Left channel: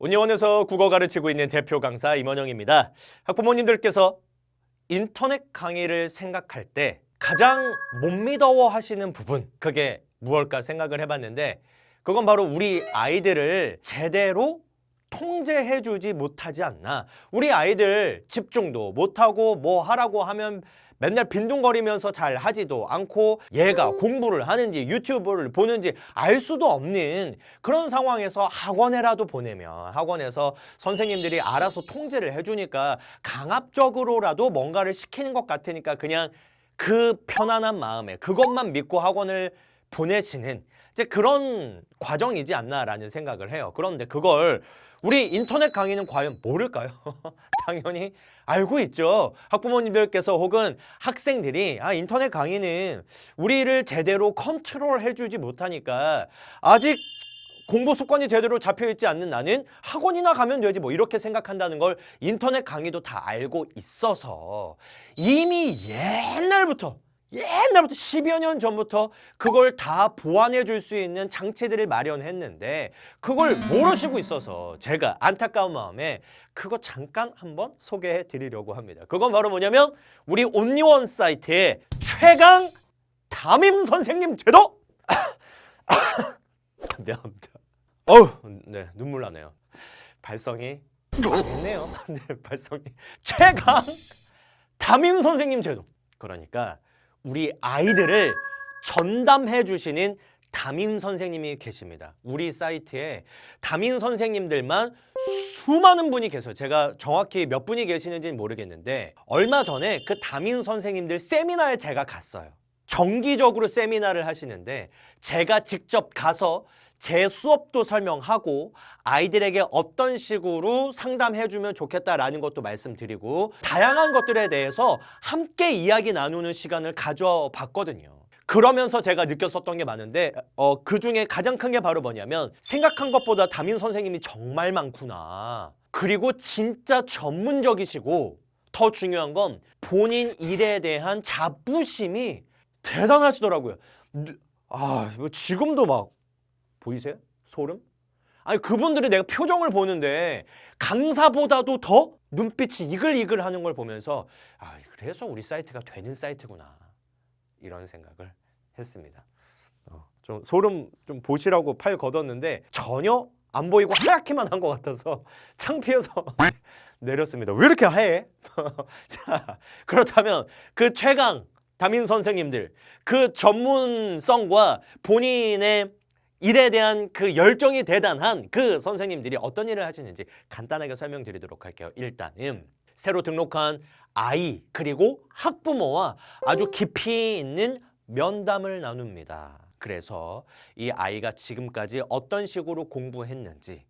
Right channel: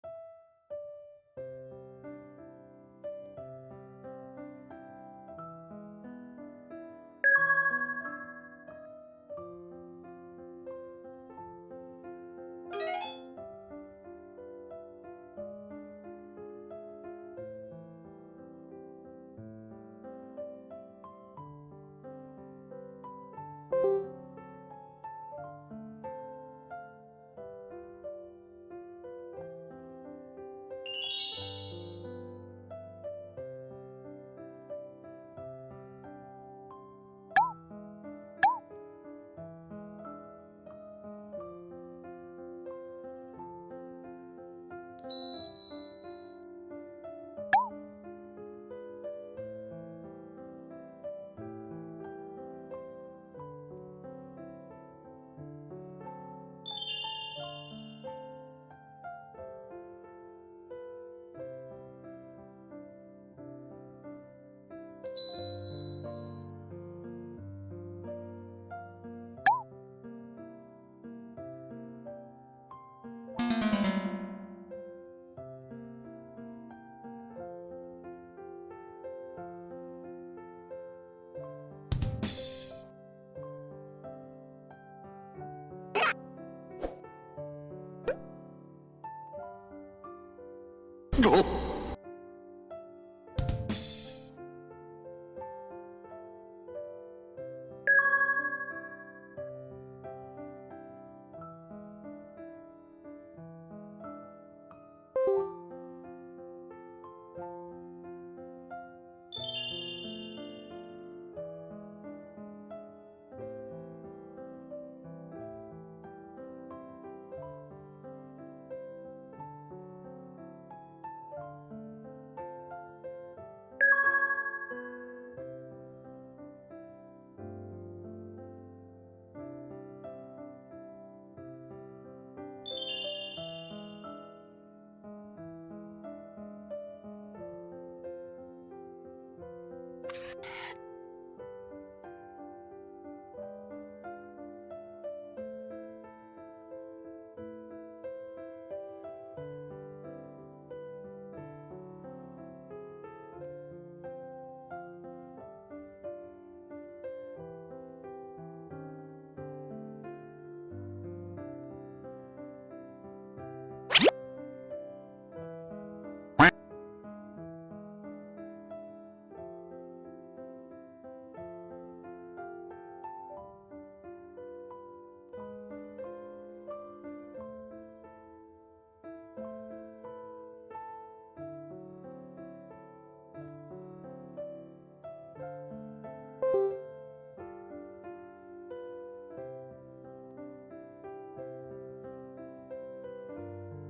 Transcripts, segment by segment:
온리원에서 국어 가르치고 있는 대표 강사 임원영입니다. 학부모님들께서 인터넷 강의를 생각할 때 가장 못 믿어워 하시는 부분, 그게 무엇일까 생각을 해봤는데, 그건 바로 우리 아이들을 제대로 통제해주지 못하지 않나. 우리 아이들 집중도 못하고 뭐 하라고 하면 맨날 빈둥거리면서 잘 하지도 않고, 얘가 공부를 하는지 유튜브를 보는지 알 수도 없는 그런 상황에서 학원에라도 보내면 학원에서 선생님들이 알아서 통제를 해주니까 강압적으로라도 뭔가를 시키는 것 같으니까 그냥 그 편안한 마음에 그것만 믿고 학원을 보내시는 이제 그런 과정이지 않나라는 생각을 해요. 그런데 그걸 우리 인터넷 강의는 과연 모를까요? 당연히 알고 있죠. 학부모님들께서 혹은 학생들이 인터넷 강의는 우리를 제대로 컨트롤 해주지 못하니까 아직 공부 습관이 제대로 잡혀있지 않는 나는 학원이나 가면 되지 뭐 이렇게 생각한다는 걸 인터넷 강의도 다 알고 있어서 이미 옛날부터 10여 년 전부터 그걸 다 보완해 줄 수 있는 장치들을 마련했는데 그걸 모르시고 있어서 제가 안타까운 마음에 그거 잠깐 한번 소개해 드리려고 합니다. 그건 바로 뭐냐면 우리 온리원 사이트의 최강 담임 선생님 제도! 미안합니다. 네, 눈물 나네요. 발성이 네요. 네, 발성이 최강 담임 선생님 제도. 그러니까 우리 아이들을 전담해 주시는 담임 선생님이 계십니다. 우리 사이트에 담임 선생님들만 수많은 분이 계세요. 제가 정확히 몇 분이 계시는지는 모르겠는데 얼마 전에 그 담임 선생님들 세미나에 제가 갔어요. 정기적으로 세미나를 하시는데 제가 직접 가서 제 수업도 설명하고 아이들에게 어떤 식으로 상담해주면 좋겠다라는 것도 말씀드리고 다양한 것들에 대해서 함께 이야기 나누는 시간을 가져봤거든요. 그러면서 제가 느꼈었던 게 많은데 그 중에 가장 큰 게 바로 뭐냐면 생각한 것보다 담임 선생님이 정말 많구나. 그리고 진짜 전문적이시고 더 중요한 건 본인 일에 대한 자부심이 대단하시더라고요. 이거 지금도 막 보이세요? 소름? 아니 그분들이 내가 표정을 보는데 강사보다도 더 눈빛이 이글이글 하는 걸 보면서 그래서 우리 사이트가 되는 사이트구나 이런 생각을 했습니다. 좀 소름 좀 보시라고 팔 걷었는데 전혀 안 보이고 하얗게만 한 것 같아서 창피해서 내렸습니다. 왜 이렇게 하얘? 자, 그렇다면 그 최강 담임 선생님들 그 전문성과 본인의 일에 대한 그 열정이 대단한 그 선생님들이 어떤 일을 하시는지 간단하게 설명드리도록 할게요. 일단은 새로 등록한 아이 그리고 학부모와 아주 깊이 있는 면담을 나눕니다. 그래서 이 아이가 지금까지 어떤 식으로 공부했는지,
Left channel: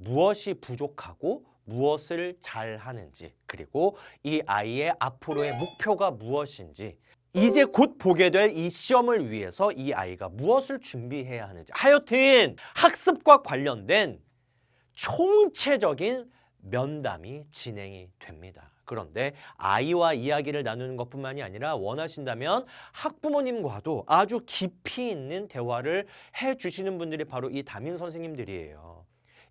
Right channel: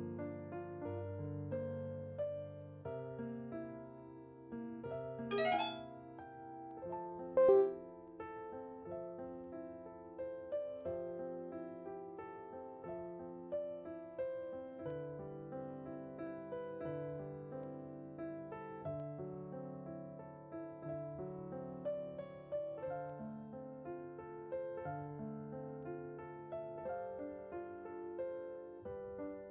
무엇이 부족하고 무엇을 잘하는지, 그리고 이 아이의 앞으로의 목표가 무엇인지, 이제 곧 보게 될 이 시험을 위해서 이 아이가 무엇을 준비해야 하는지, 하여튼 학습과 관련된 총체적인 면담이 진행이 됩니다. 그런데 아이와 이야기를 나누는 것뿐만이 아니라 원하신다면 학부모님과도 아주 깊이 있는 대화를 해주시는 분들이 바로 이 담임 선생님들이에요.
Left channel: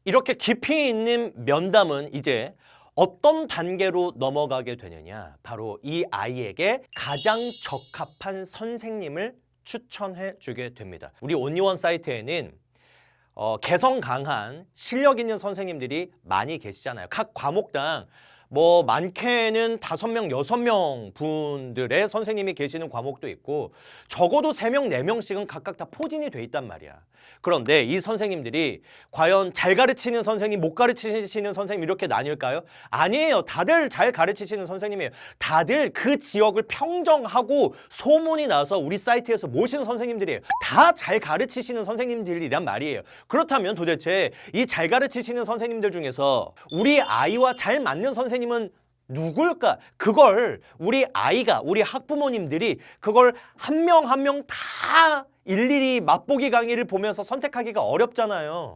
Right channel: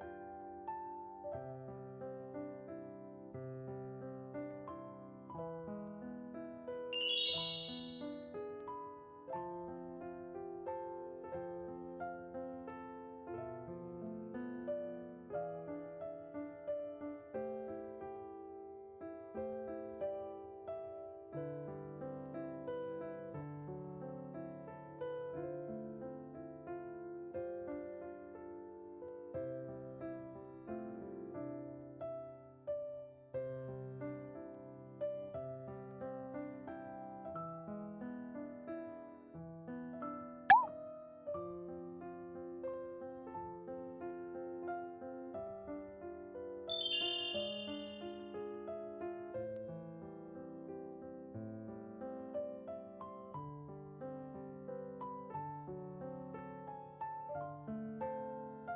이렇게 깊이 있는 면담은 이제 어떤 단계로 넘어가게 되느냐, 바로 이 아이에게 가장 적합한 선생님을 추천해 주게 됩니다. 우리 온리원 사이트에는 개성 강한 실력 있는 선생님들이 많이 계시잖아요. 각 과목당 뭐 많게는 5명, 6명 분들의 선생님이 계시는 과목도 있고 적어도 3명, 4명씩은 각각 다 포진이 돼 있단 말이야. 그런데 이 선생님들이 과연 잘 가르치는 선생님, 못 가르치시는 선생님 이렇게 나뉠까요? 아니에요. 다들 잘 가르치시는 선생님이에요. 다들 그 지역을 평정하고 소문이 나서 우리 사이트에서 모신 선생님들이에요. 다 잘 가르치시는 선생님들이란 말이에요. 그렇다면 도대체 이 잘 가르치시는 선생님들 중에서 우리 아이와 잘 맞는 선생님은 누굴까? 그걸 우리 아이가, 우리 학부모님들이 그걸 한 명 한 명 다 일일이 맛보기 강의를 보면서 선택하기가 어렵잖아요.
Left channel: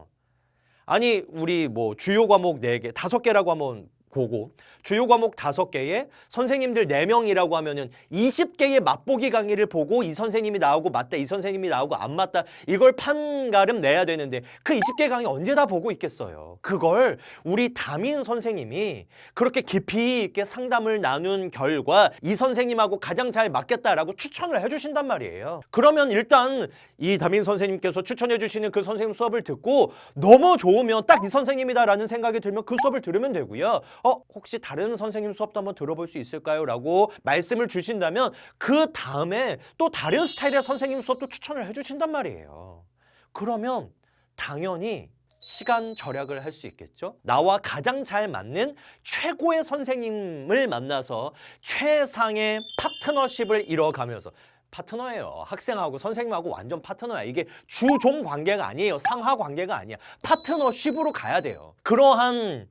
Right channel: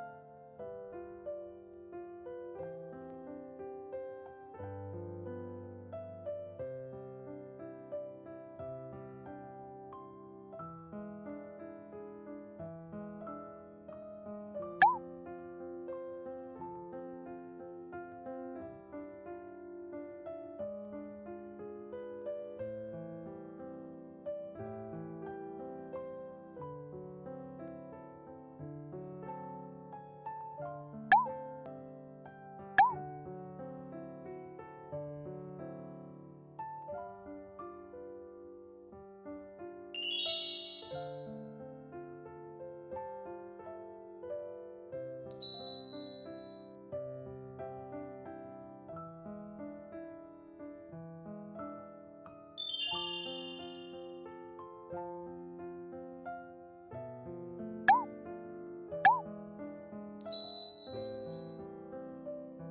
아니 우리 뭐 주요 과목 4개, 5개라고 하면 고고, 주요 과목 5개에 선생님들 4명이라고 하면은 20개의 맛보기 강의를 보고 이 선생님이 나오고 맞다, 이 선생님이 나오고 안 맞다, 이걸 판가름 내야 되는데 그 20개 강의 언제 다 보고 있겠어요. 그걸 우리 담임 선생님이 그렇게 깊이 있게 상담을 나눈 결과 이 선생님하고 가장 잘 맞겠다라고 추천을 해주신단 말이에요. 그러면 일단 이 담임 선생님께서 추천해 주시는 그 선생님 수업을 듣고 너무 좋으면 딱 이 선생님이다라는 생각이 들면 그 수업을 들으면 되고요. 혹시 다른 선생님 수업도 한번 들어볼 수 있을까요? 라고 말씀을 주신다면 그 다음에 또 다른 스타일의 선생님 수업도 추천을 해주신단 말이에요. 그러면 당연히 시간 절약을 할 수 있겠죠. 나와 가장 잘 맞는 최고의 선생님을 만나서 최상의 파트너십을 이뤄가면서, 파트너예요. 학생하고 선생님하고 완전 파트너야. 이게 주종 관계가 아니에요. 상하 관계가 아니야. 파트너십으로 가야 돼요. 그러한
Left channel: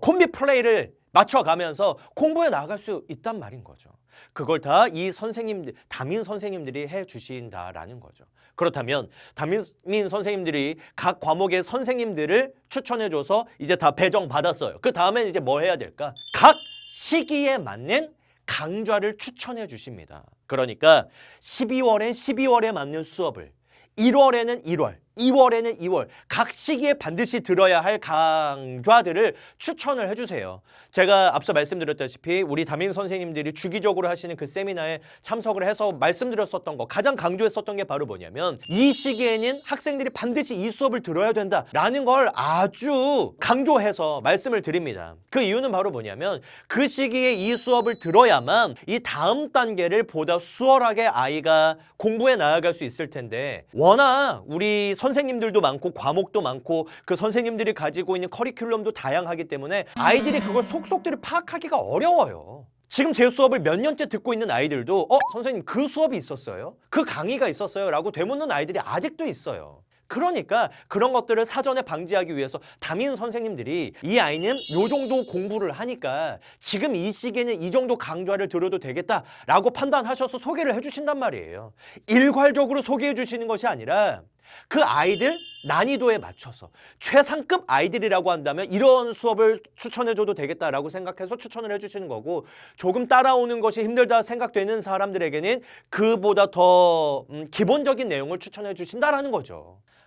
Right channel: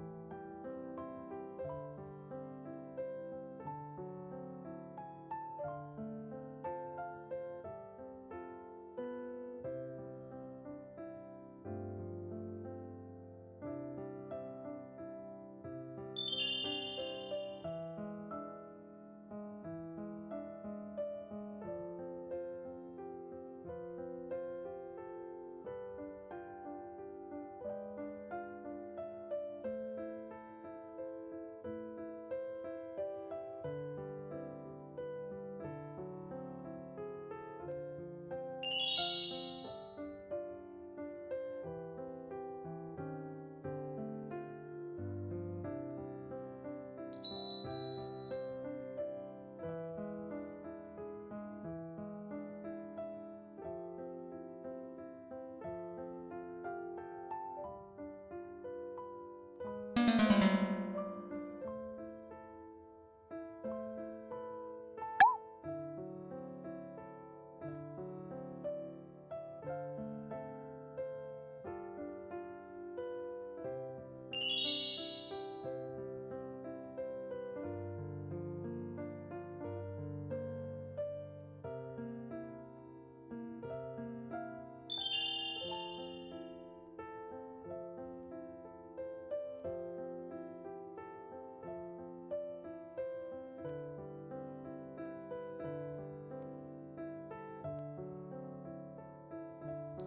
콤비 플레이를 맞춰가면서 공부해 나갈 수 있단 말인 거죠. 그걸 다 이 선생님들, 담임 선생님들이 해주신다라는 거죠. 그렇다면 담임 선생님들이 각 과목의 선생님들을 추천해줘서 이제 다 배정받았어요. 그 다음엔 이제 뭐 해야 될까? 각 시기에 맞는 강좌를 추천해 주십니다. 그러니까 12월엔 12월에 맞는 수업을, 1월에는 1월, 2월에는 2월 각 시기에 반드시 들어야 할 강좌들을 추천을 해주세요. 제가 앞서 말씀드렸다시피 우리 담임 선생님들이 주기적으로 하시는 그 세미나에 참석을 해서 말씀드렸었던 거, 가장 강조했었던 게 바로 뭐냐면 이 시기에는 학생들이 반드시 이 수업을 들어야 된다라는 걸 아주 강조해서 말씀을 드립니다. 그 이유는 바로 뭐냐면 그 시기에 이 수업을 들어야만 이 다음 단계를 보다 수월하게 아이가 공부해 나아갈 수 있을 텐데, 워낙 우리 선생님들도 많고 과목도 많고 그 선생님들이 가지고 있는 커리큘럼도 다양하기 때문에 아이들이 그걸 속속들이 파악하기가 어려워요. 지금 제 수업을 몇 년째 듣고 있는 아이들도 선생님 그 수업이 있었어요? 그 강의가 있었어요? 라고 되묻는 아이들이 아직도 있어요. 그러니까 그런 것들을 사전에 방지하기 위해서 담임 선생님들이 이 아이는 요 정도 공부를 하니까 지금 이 시기에는 이 정도 강좌를 들어도 되겠다라고 판단하셔서 소개를 해주신단 말이에요. 일괄적으로 소개해 주시는 것이 아니라 그 아이들 난이도에 맞춰서 최상급 아이들이라고 한다면 이런 수업을 추천해줘도 되겠다라고 생각해서 추천을 해주시는 거고, 조금 따라오는 것이 힘들다 생각되는 사람들에게는 그보다 더 기본적인 내용을 추천해 주신다라는 거죠.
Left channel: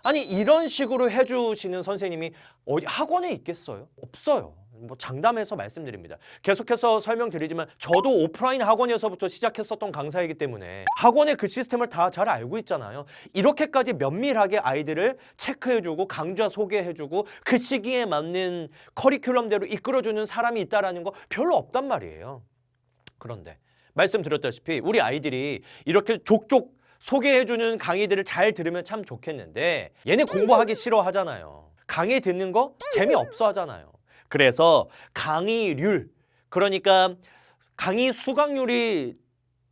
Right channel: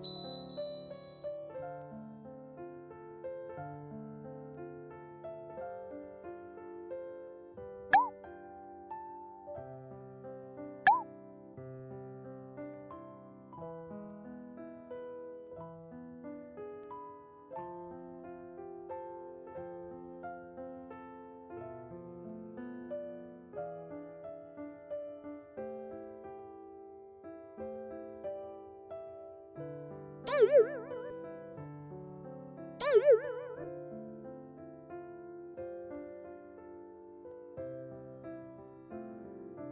아니 이런 식으로 해주시는 선생님이 어디 학원에 있겠어요? 없어요. 뭐 장담해서 말씀드립니다. 계속해서 설명드리지만 저도 오프라인 학원에서부터 시작했었던 강사이기 때문에 학원의 그 시스템을 다 잘 알고 있잖아요. 이렇게까지 면밀하게 아이들을 체크해주고 강좌 소개해주고 그 시기에 맞는 커리큘럼대로 이끌어주는 사람이 있다는 거 별로 없단 말이에요. 그런데 말씀드렸다시피 우리 아이들이 이렇게 족족 소개해주는 강의들을 잘 들으면 참 좋겠는데 얘네 공부하기 싫어하잖아요. 강의 듣는 거 재미없어 하잖아요. 그래서 강의률, 그러니까 강의 수강률이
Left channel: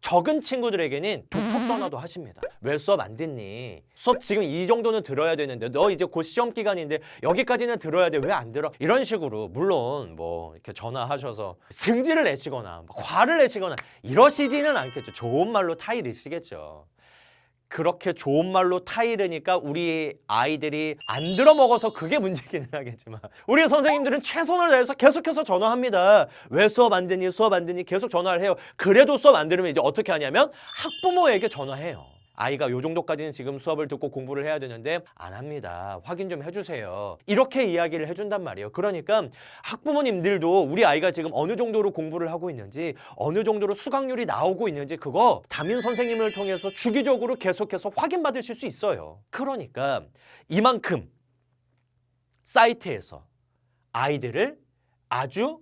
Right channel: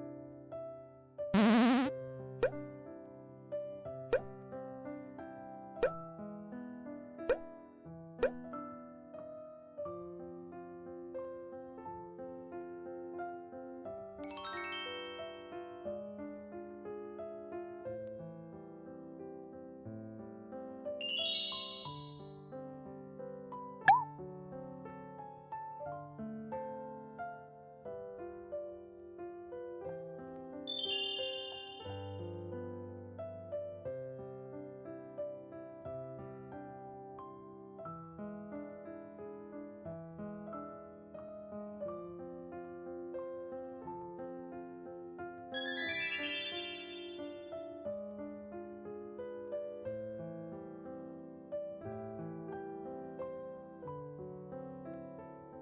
적은 친구들에게는 독학 전화도 하십니다. 왜 수업 안 듣니? 수업 지금 이 정도는 들어야 되는데 너 이제 곧 시험 기간인데 여기까지는 들어야 돼. 왜 안 들어? 이런 식으로 물론 뭐 이렇게 전화하셔서 승질을 내시거나 화를 내시거나 이러시지는 않겠죠. 좋은 말로 타이르시겠죠. 그렇게 좋은 말로 타이르니까 우리 아이들이 안 들어먹어서 그게 문제기는 하겠지만 우리 선생님들은 최선을 다해서 계속해서 전화합니다. 왜 수업 안 듣니? 수업 안 듣니? 계속 전화를 해요. 그래도 수업 안 들으면 이제 어떻게 하냐면 학부모에게 전화해요. 아이가 요 정도까지는 지금 수업을 듣고 공부를 해야 되는데 안 합니다. 확인 좀 해주세요. 이렇게 이야기를 해준단 말이에요. 그러니까 학부모님들도 우리 아이가 지금 어느 정도로 공부를 하고 있는지, 어느 정도로 수강률이 나오고 있는지 그거 담임 선생님을 통해서 주기적으로 계속해서 확인받으실 수 있어요. 그러니까 이만큼 사이트에서 아이들을 아주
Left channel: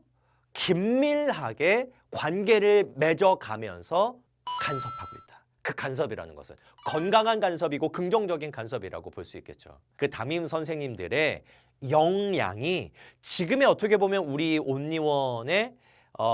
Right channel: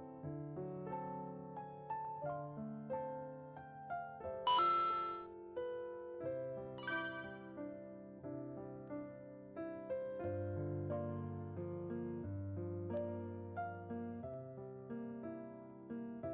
긴밀하게 관계를 맺어가면서 간섭하고 있다. 그 간섭이라는 것은 건강한 간섭이고 긍정적인 간섭이라고 볼 수 있겠죠. 그 담임 선생님들의 역량이 지금의 어떻게 보면 우리 온리원의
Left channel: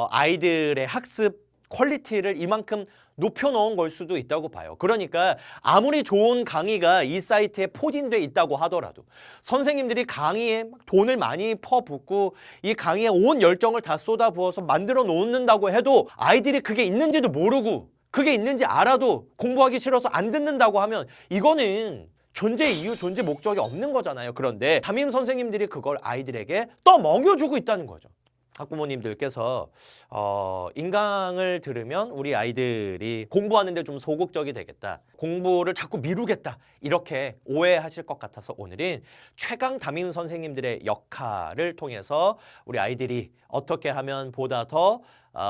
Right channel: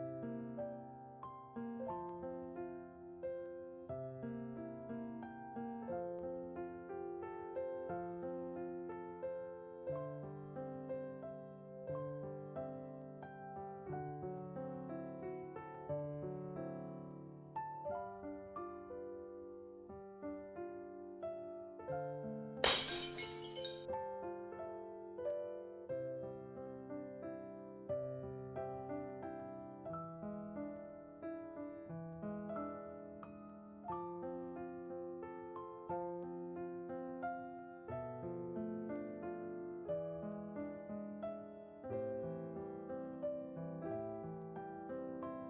아이들의 학습 퀄리티를 이만큼 높여놓은 걸 수도 있다고 봐요. 그러니까 아무리 좋은 강의가 이 사이트에 포진돼 있다고 하더라도 선생님들이 강의에 돈을 많이 퍼붓고 이 강의에 온 열정을 다 쏟아부어서 만들어 놓는다고 해도 아이들이 그게 있는지도 모르고 그게 있는지 알아도 공부하기 싫어서 안 듣는다고 하면 이거는 존재 이유, 존재 목적이 없는 거잖아요. 그런데 담임 선생님들이 그걸 아이들에게 떠먹여주고 있다는 거죠. 학부모님들께서 인강을 들으면 우리 아이들이 공부하는데 좀 소극적이 되겠다, 공부를 자꾸 미루겠다, 이렇게 오해하실 것 같아서 오늘은 최강 담임 선생님들의 역할을 통해서 우리 아이들이 어떻게 하면 보다 더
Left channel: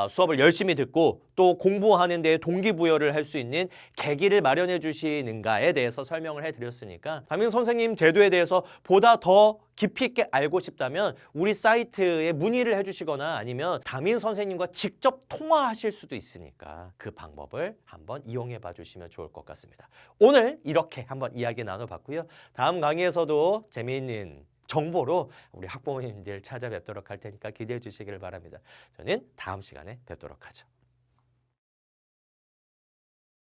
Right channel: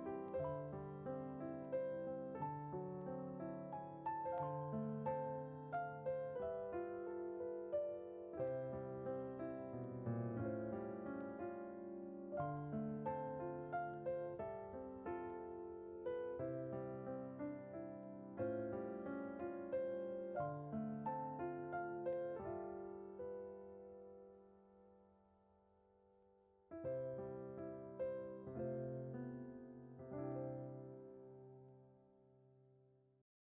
수업을 열심히 듣고 또 공부하는 데 동기부여를 할 수 있는 계기를 마련해 주시는가에 대해서 설명을 해드렸으니까, 담임 선생님 제도에 대해서 보다 더 깊이 있게 알고 싶다면 우리 사이트에 문의를 해주시거나 아니면 담임 선생님과 직접 통화하실 수도 있으니까 그 방법을 한번 이용해 봐 주시면 좋을 것 같습니다. 오늘 이렇게 한번 이야기 나눠봤고요. 다음 강의에서도 재미있는 정보로 우리 학부모님들 찾아뵙도록 할 테니까 기대해 주시길 바랍니다. 저는 다음 시간에 뵙도록 하죠.